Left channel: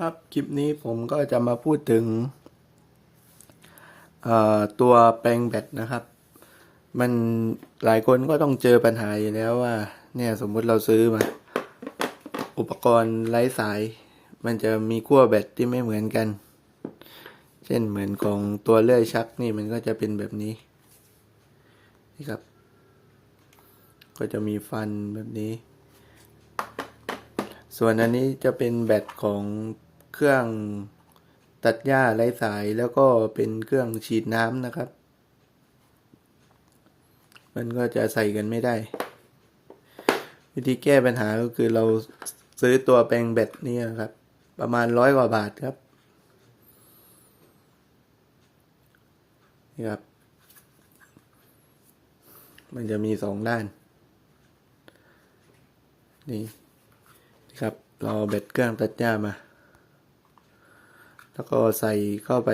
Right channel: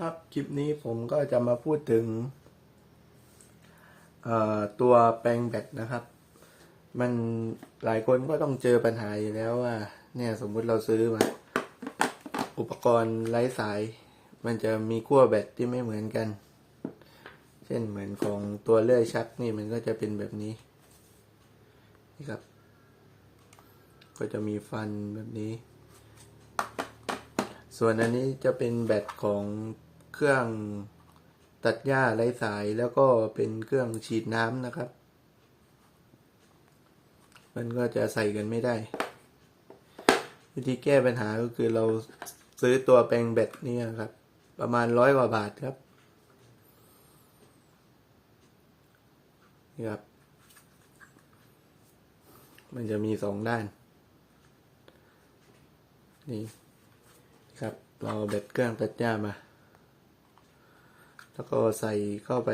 ครับ คลิปนี้ผมก็จะมาพูดถึงตัวแปลงแบตนะครับ มันหลายคนก็ต้องเจอปัญหาอยู่แล้วว่า เนี่ยสมมุติเราซื้อมา อุปกรณ์ไร้สาย มันจะมีขั้วแบตที่ไม่เหมือนกัน เช่นเหมือนของตัวเลื่อยชักนี่มันก็จะเป็นแบบนี้ นี่ครับ ก็จะมีฟันแบบนี้ส่วนอันนี้จะเป็นแบตของ เครื่องตัดหญ้าไร้สายแล้วก็เป็นเครื่องฉีดน้ำนะครับ มันก็จะใส่กันไม่ได้ วิธีแก้ปัญหาก็คือเราซื้อตัวแปลงแบตนี่ครับ ประมาณร้อยกว่าบาทครับนี่ครับ มันจะมีสองด้าน นี่ครับ เราเอาแบตเครื่องตัดหญ้ามา แล้วก็ใส่เข้าไป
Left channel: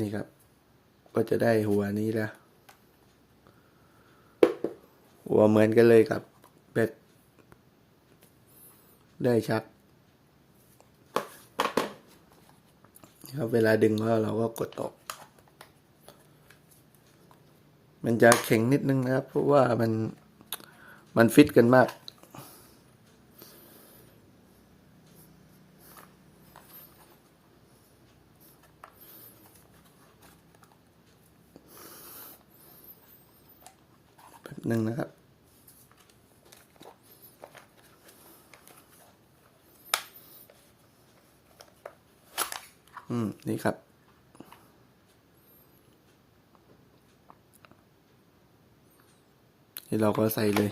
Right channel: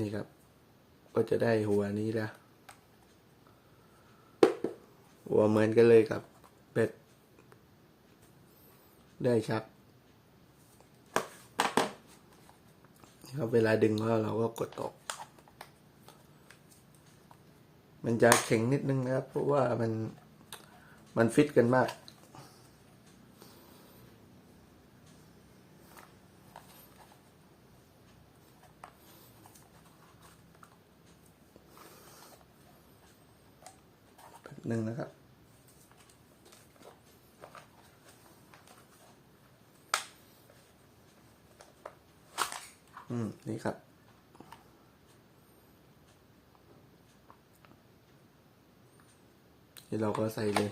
นี่ครับ ก็จะได้หัวนี้แล้ว หัวเหมือนกันเลยกับแบตได้ชักครับเวลาดึงแล้วเราก็กดออก มันจะแข็งนิดนึงนะครับ เพราะว่ามันมันฟิตกันมาก หนึ่งนะครับ อืม นี่ครับ ที่เราก็ใส่เลย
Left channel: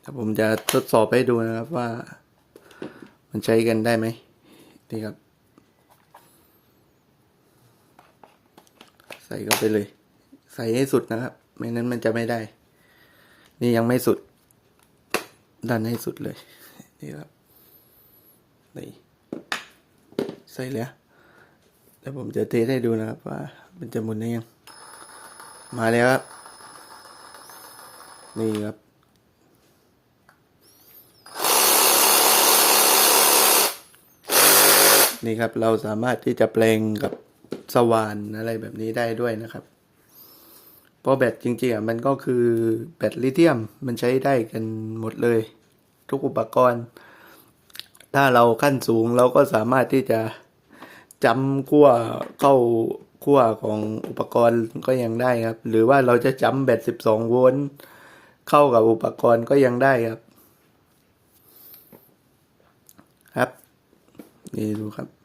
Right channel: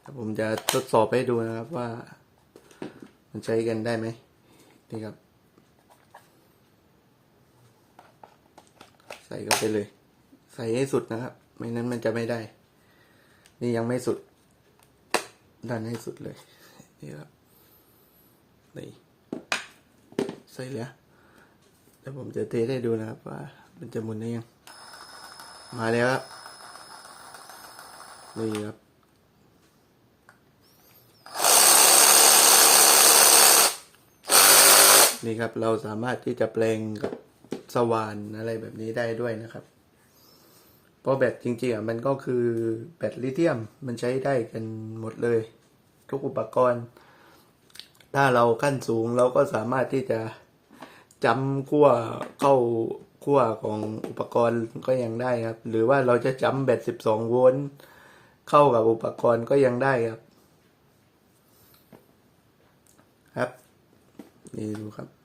แต่ผมจะทดสอบให้ดูนะครับว่า มันใช้กันได้ไหมนี่ครับ ใส่เข้าไปเลย ใส่ให้สุดนะครับ ไม่นั้นมันจะไม่ได้ นี่ยังไม่สุด ดันให้สุดเลย นี่ครับนี่ใส่แล้วเดี๋ยวผมจะเทสให้ดูนะครับว่า มันจะหมุนได้ยัง มาแล้วครับ นี่ครับนี่ครับเราสามารถที่จะแปลงกับสว่านอะไรแบบนี้ได้ด้วยนะครับ เพราะแบตจริงๆอะมันก็คือแบตลิเธียมมันใช้ได้กันหมดเลย ทุกอุปกรณ์ ถ้าเราขั้นสูงเราก็สามารถที่จะจำขั้วเข้าขั้วของอุปกรณ์ก็ยังได้ครับ หรือว่าเราจะจำแบต 12 โวลต์เข้ากับอุปกรณ์ก็ยังได้ครับ ครับ นี่ดูครับ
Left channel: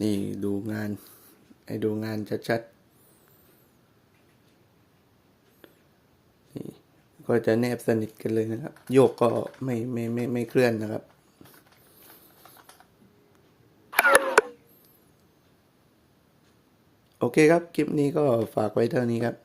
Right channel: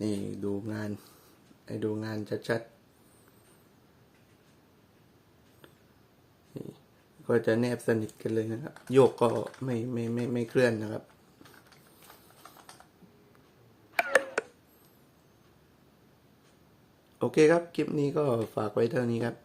นี่ดูงาน ให้ดูงานชัดๆนี่ก็จะแนบสนิทกันเลยนะครับ โยกก็ไม่ไม่ไม่ไม่เคลื่อนนะครับโอเคครับ คลิปนี้ก็ฝากไว้เท่านี้ครับ